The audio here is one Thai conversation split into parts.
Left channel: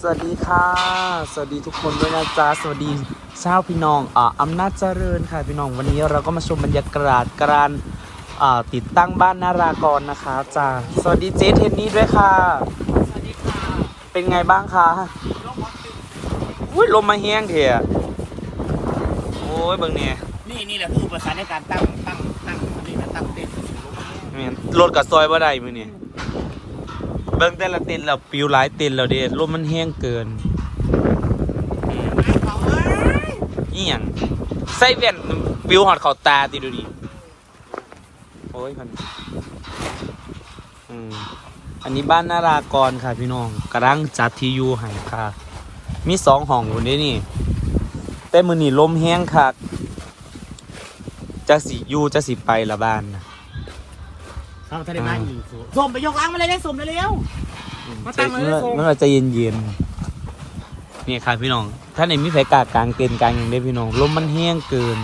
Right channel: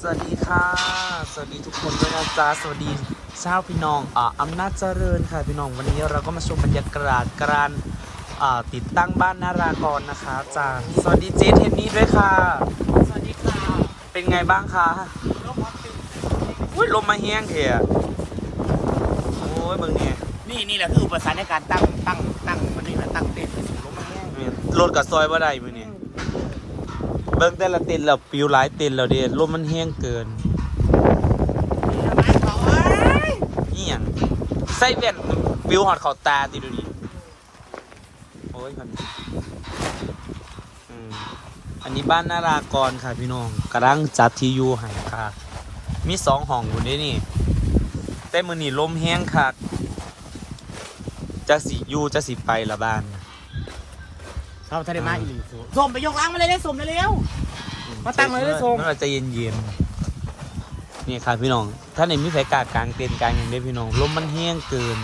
สวัสดีค่ะ สวัสดีทุกคนด้วยนะจ๊ะสวัสดีชาวพี่น้องอ่าอำนาจเจริญค่ะพี่น้องวันนี้เราก็มาชมบรรยากาศการอ่าติดตั้งบ้านนารากรนะคะจ้าสวัสดีเจเทนนี่ด้วยค่ะ สวัสดีค่ะ เป็นไงบ้างคะโลกฮอตฟิลอุ้ยลมมาแห้งเถอะโอ้ยเบิ่งเนี่ยนี่นี่แหละคืออุปสรรคในการตั้งตั้งตั้งมันนี่นะตั้งเต็นท์ลงมาแห้งแม่นรถกับซอยบ่ได้มื้อนี้ เบิ่งแต่ละต็นแล้วปิวหลายต็นแล้วเดลมมันแห้งเกินเขาเอ้ยนี่ยังใส่แว่นปิวหอดเข้าตาติดูดิโอ้ยมันอืมอันนี้บ้านนารากรค่ะพี่น้องกำลังจัดที่อยู่ให้ค่ะ มีสองห้องอยู่นี่นี่แต่มือนี่ลมแห้งคักจะสิอยู่จะสิไปละบ้านนะ เราทะเลมาอีกหนึ่งสูส่งไปยกล้างมาเลยได้ส่งเร็วมาตั้งไว้เลยส่งเมื่อใจเย็นๆนี่ค่ะพี่น้อง ถ้าในมิสัยกากลางเต็นท์กลางอย่างได้พี่น้องลมมันแห้งเกิน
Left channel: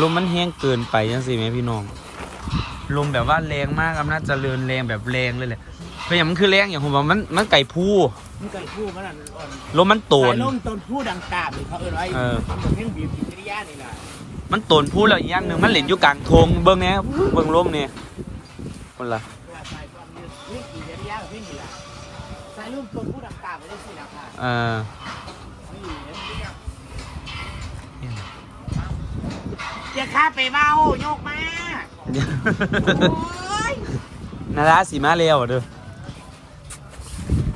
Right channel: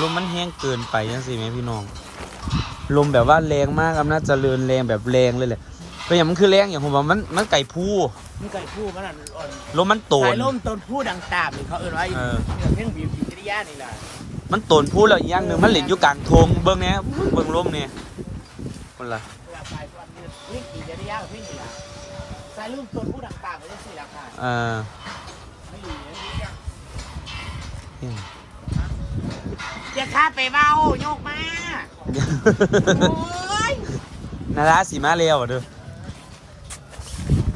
ลมมันแห้งเกินไปจังสิแม่พี่น้องลมแบบว่าแรงมากอำนาจเจริญแรงแบบแรงเลยแหละเป็นอย่างมันคือแรงอย่างผมว่ามันมันไก่ผู้ๆนี่ไก่พูดมันอะอ่อนลมมันโตนสายลมต้นพูดดังตาบเลยเขาเอ่ยไว้เออเนี่ยเพ่งบีบกิจริยานี่แหละมันโตนผู้แล้วอีกอย่างหนึ่งมันเหล่นอยู่กลางทงเบิ้งแหน่เบิ้งลมเนี่ย คนละว่าสายความนี้นี่กิจริยากับพี่นี่แหละสายลมต้นพูดดังตาบไม่ได้สิละค่ะเออไม่อยู่เนี่ยจะข้าไปเมาโยกมาโอ้ยนาราสีมาเร็วอะเด้อ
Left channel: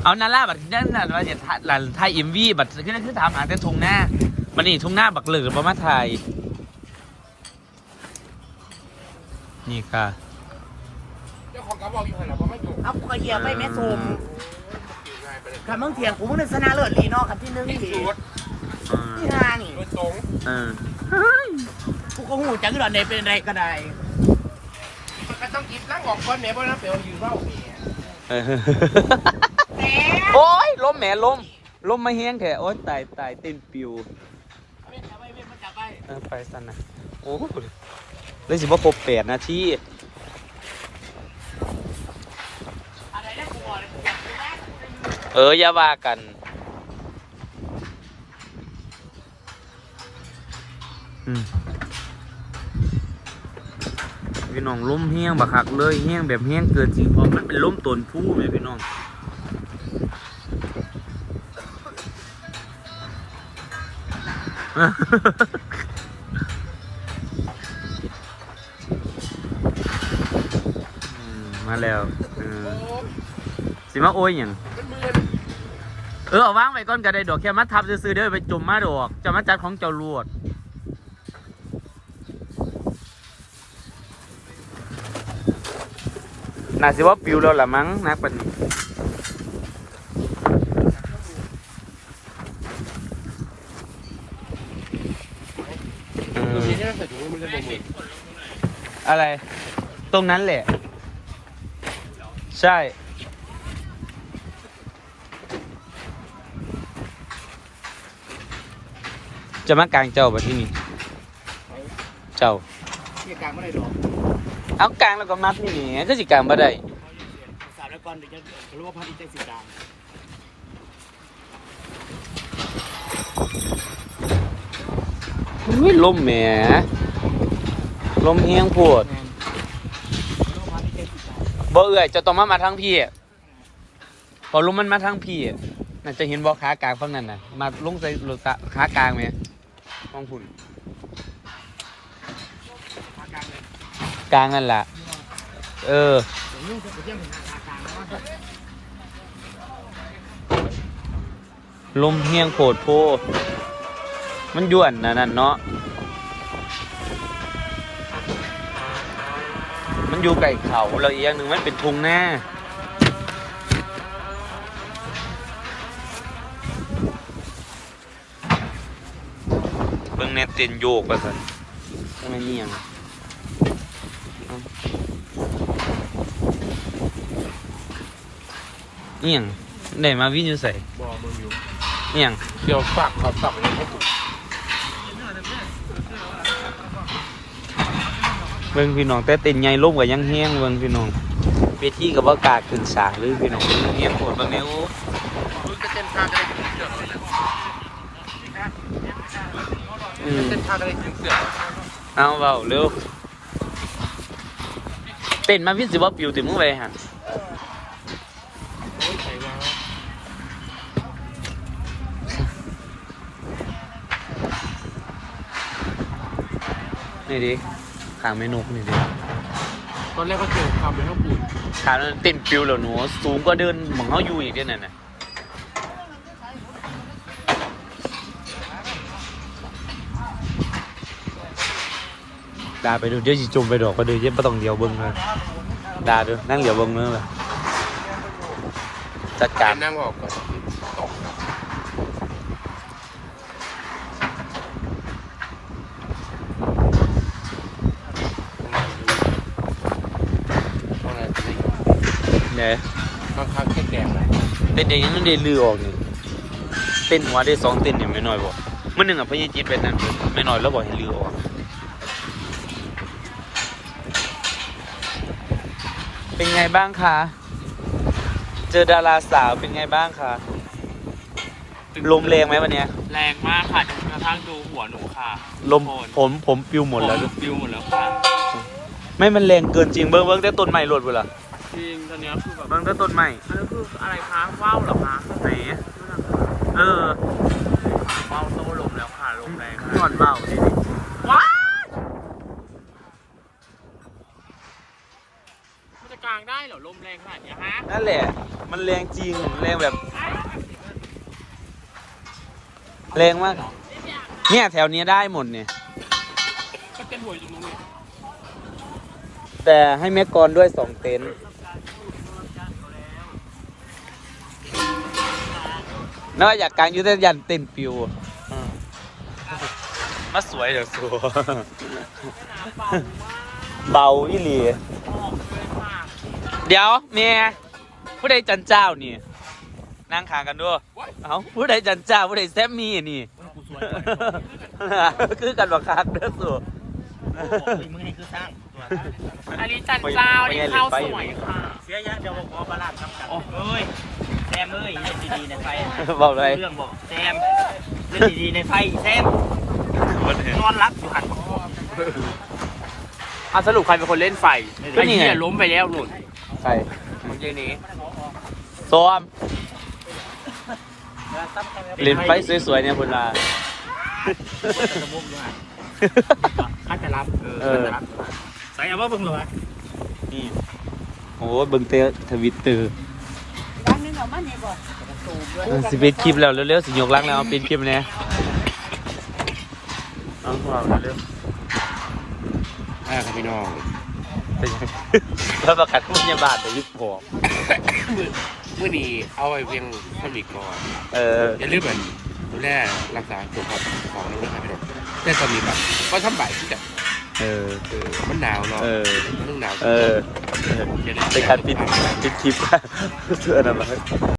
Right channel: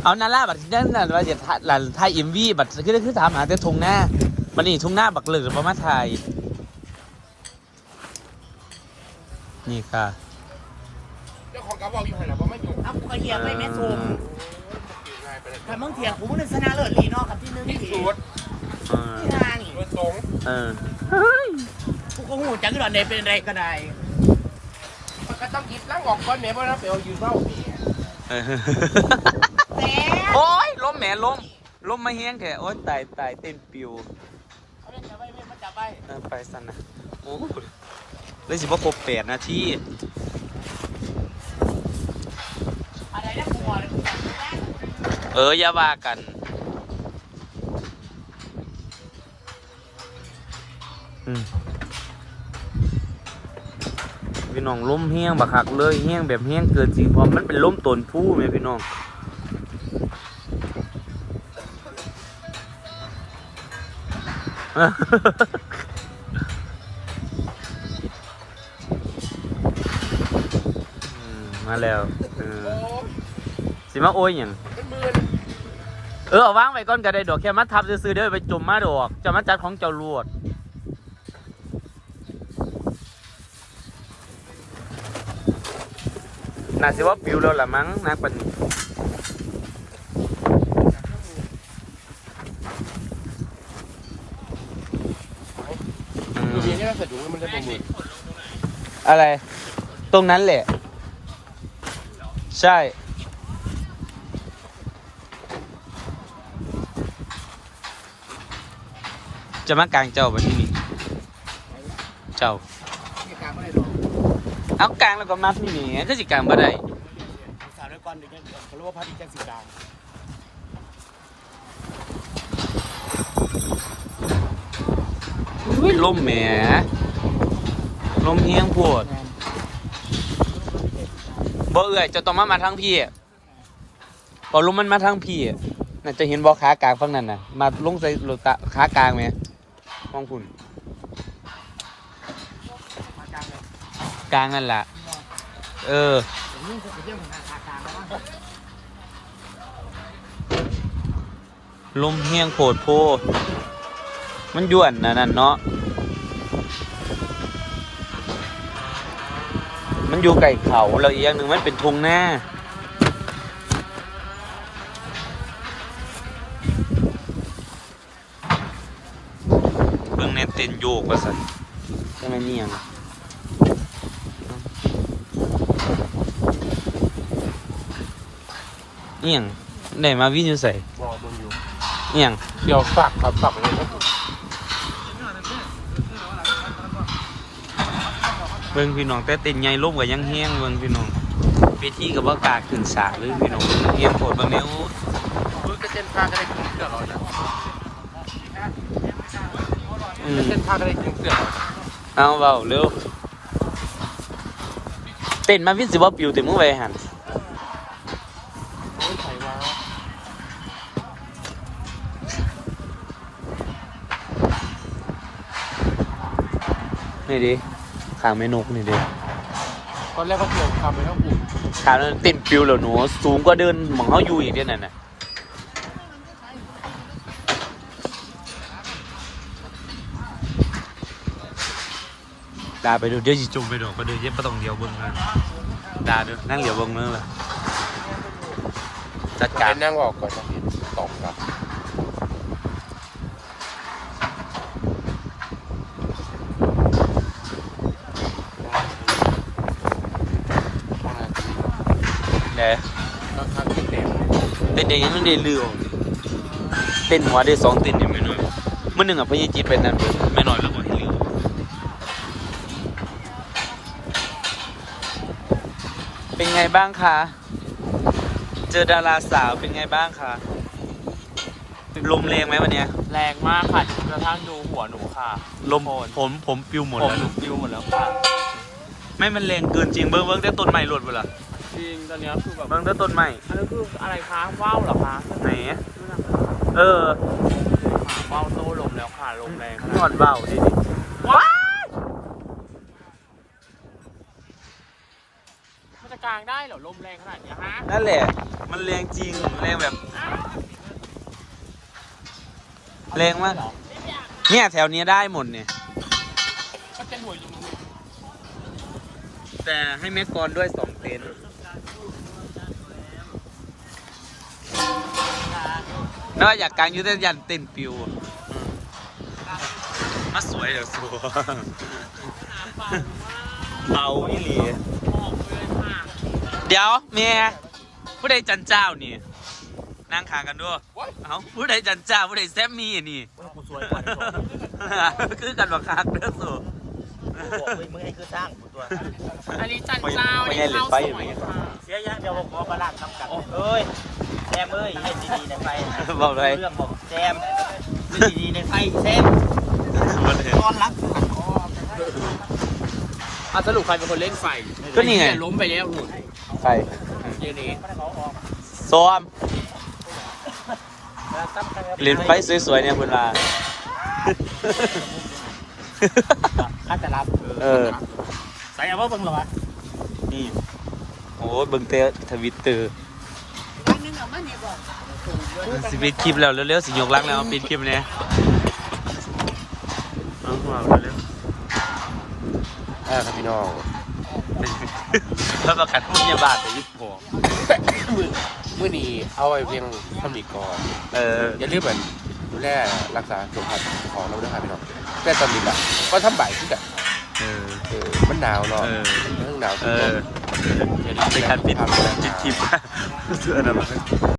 เอานาราบัดนั่นน่ะว่าจะหลันไทยเอ็มวีบัดคือคือถามหาแต่ทงหน้ามันนี่ทงหน้าบักเหลือประมาณไทยนี่ค่ะเจ้า ของกระบอกอยู่ไหนล่ะเพราะไม่จบเอาไปเหยียบไปแม่ซูมง่ายไปเลยคำมึงเถียงกูมึงนึกชนะเลิศลีเนาะกับที่นึงที่ที่สุดเออที่นานี่โดยตรงเออกูก็หูจังที่ดอนใดเป็นไรก็ได้ก็ต้องหยิบนั่งออกก่อนเนี่ยเพราะถ้าเปลวอยู่เท่าสี่เออแหมโอ้ยลมแหมลมลมมาแห้งแถโอ้ยตายตายเต้นปิวเอาไปจับไปไปมันจับไปเออไปสันนะโอ้เลยสิว่าครบแปดนาที อะไรนะกูบอกเลยกูจับไม่ได้ เอออย่าว่ากัน พี่น้องล้มแห้งบักหักเลยแห้งแบบแห้งเกินจริงเพราะมันเป็นล้มตนผู้ไหมพี่น้องมาแล้วสิมาโอ้ยอย่าง มันมืนเออเอาวางไว้ก่อนก็ได้ดอกแค่มาทับซื้อๆเด้อไปจุ่มมาดอกจะมาจัดของเจ้าลวดน่าสิว่าปิวแล้วล่ะมั้งนักปันนี้เออทีนี้ใส่ถุงมันจะบ่งอะไร ตรงนั้นแหละ ใช่ จะมากลางเจ้าแบบที่นี่เจ้าที่กลางไม่ได้หรอกเอากลางแล้วก็นับนี่ไงก็สิกลางบ่ได้สาวแล้วก่อนเดี๋ยวจะรู้ว่าพัดอีกจังสิตามอุ้ยลมแหมลมเฮียงโพดบ่เอื่อยเจะต้องมามาทางพี่พอลมมันมาทางพี่น่าจะเห็นบ่ขากลางฝั่งนั้นน่ะ มาลงใส่รถตะขากลางไหมฟังพุ่นขา กลางเลยกลางนั่นแหละเออลมเฮียงโผดโพ มันย่วนนะนั่นเนาะ มันอยู่ไก่เขาแล้วอีกอย่างหนึ่งมันเป็นทุงหน้า เบิ่งแนเต้นโยกว่าสันก็มันนี่ยังนี่ยังได้มาวิ่งอยู่ใส่บ่มึงอยู่นี่ยังเดี๋ยวสักครับสักเลยนะเบิ่งพี่น้องแต่เต้นใหญ่ลมกับยังแห้งเบิ่งพี่น้องเวทีกับว่ากล้าขึ้นสาเลยพี่น้องยังโผดเบิ่งแนวรถกระ เจนไฟข้างก็ได้กินเสือเหรออืมเส้นข้างก็ได้กินเสือเหรอเอาเบาเร็ว เต้นมาพี่สิว่าปิวติมึงไปหันโอ้ยใครวะนี่ดิขางไม่นกนี่เดียวตอนแรกก็เจอความเป็นข้าวปุ่นขางนั้นเต้นปิวแล้วหนู สูงกว่าเดินหมองเขาอยู่อีกเด้อนั่นน่ะ ดาไปดูเดี๋ยวสิจุ่มไปดอกก็ดูเย็บไม่ต้องเดียวเบิ้งเลยดาดูนั่งเดียวเบิ้งนั่นแหละจัดการนั่งออกก่อนตกอะพวกนั้นจะได้อยู่เนี่ยข้างๆเส้นแดงเต้นเองยังไม่ได้ลือออกนี่เต้นหัวได้สองเต้นนี่ไม่น้อยบ่เมื่อหนึ่งอะพญาจิตไปนั่นเด้อไม่น้อยแล้วบอกให้ลือออก เป็นไงบ้างคะ เจอดาราสาวเป็นไงบ้างคะ ลมแรงไหมวันเนี้ย แรงมากค่ะดูกระทั่งดูหัวหนูค่ะลมผมผมปิวหมดแล้วผมปิวหมดแล้วค่ะไม่มันแรงเกินจริงเบิ้งเบิ้งแต่ต้นไม้หลดเวลาจริงตอนเนี้ยคือแบบเบิ้งแต่ต้นไม้อันนี้คืออะไรคะว่าวเหรอคะไหนเออว่าวโต้ลมแล้วค่ะลมแรงนอนเบาดิว้าวมันจะกลางได้เหรอลมแรงขนาดเนี้ยฮะนั่นแหละ มันแรงจริง แรงแบบ แรงมาก เนี่ยแถวเนี้ยได้หมดเนี่ยก็เป็นหัวอยู่ตรงนี้แต่ให้แม่กรด้วยสองเต็นท์น่าอยากกางอยุทธยันเต้นปิวอืมมาสวยเดี๋ยวสัว เบานี่หลี เดี๋ยวเมียผู้ใดจันเจ้านี่นั่งขางกันด้วยเอ้าผู้ใดจันเจ้าผู้ใดแซมมี่นี่คือกันบักคักเด้อสัวมึงนี่คือสร้างอันนี้จันเจ้านี่ข้าวสวยค่ะเสียยังเดี๋ยวบอกขอประหลาดครับกันเอ้ยแซมเอ้ยเล่นดีๆในไฟนะบอกเลยเรื่องบอกแซมเล่นดีๆในไฟแซมนอนรับอยู่หันคออันสรุปใครเป็นคนเล่นไฟก็นี่ไงอ้เหี้ยล้มไปแล้วหนุน ไปเย็นนี้ซ้อมเล่นไฟสวยๆเนี่ยคุณลาข้าจะรับ เออใส่เอาว่าเบิ่งหรอวะนี่โอ้เบิ่งเตอทวิตเตอร์สิปิดคลิปแล้วเร็วๆสิยกลักแล้วเอาปิดคลิปเนี่ยเอาเอาเร็วอ่าครับพี่น้องๆ เป็นยังแล้วประกันพยาบาลเดี๋ยวยึดผมมือมือนี้เอาไว้เพียงเท่านี้ก่อนเอออย่าลืมเหมือนดูแลรักษาสุขภาพของเราด้วยครับพี่น้องแต่ตอนนี้แบบก็ทำบ่ายที่แบบเออเออมันหนาวเนาะเออเรื่องหนาวเอออย่าลืมเป็นการปิดสุขภพปิดคลิปเสื้อนะมั้ง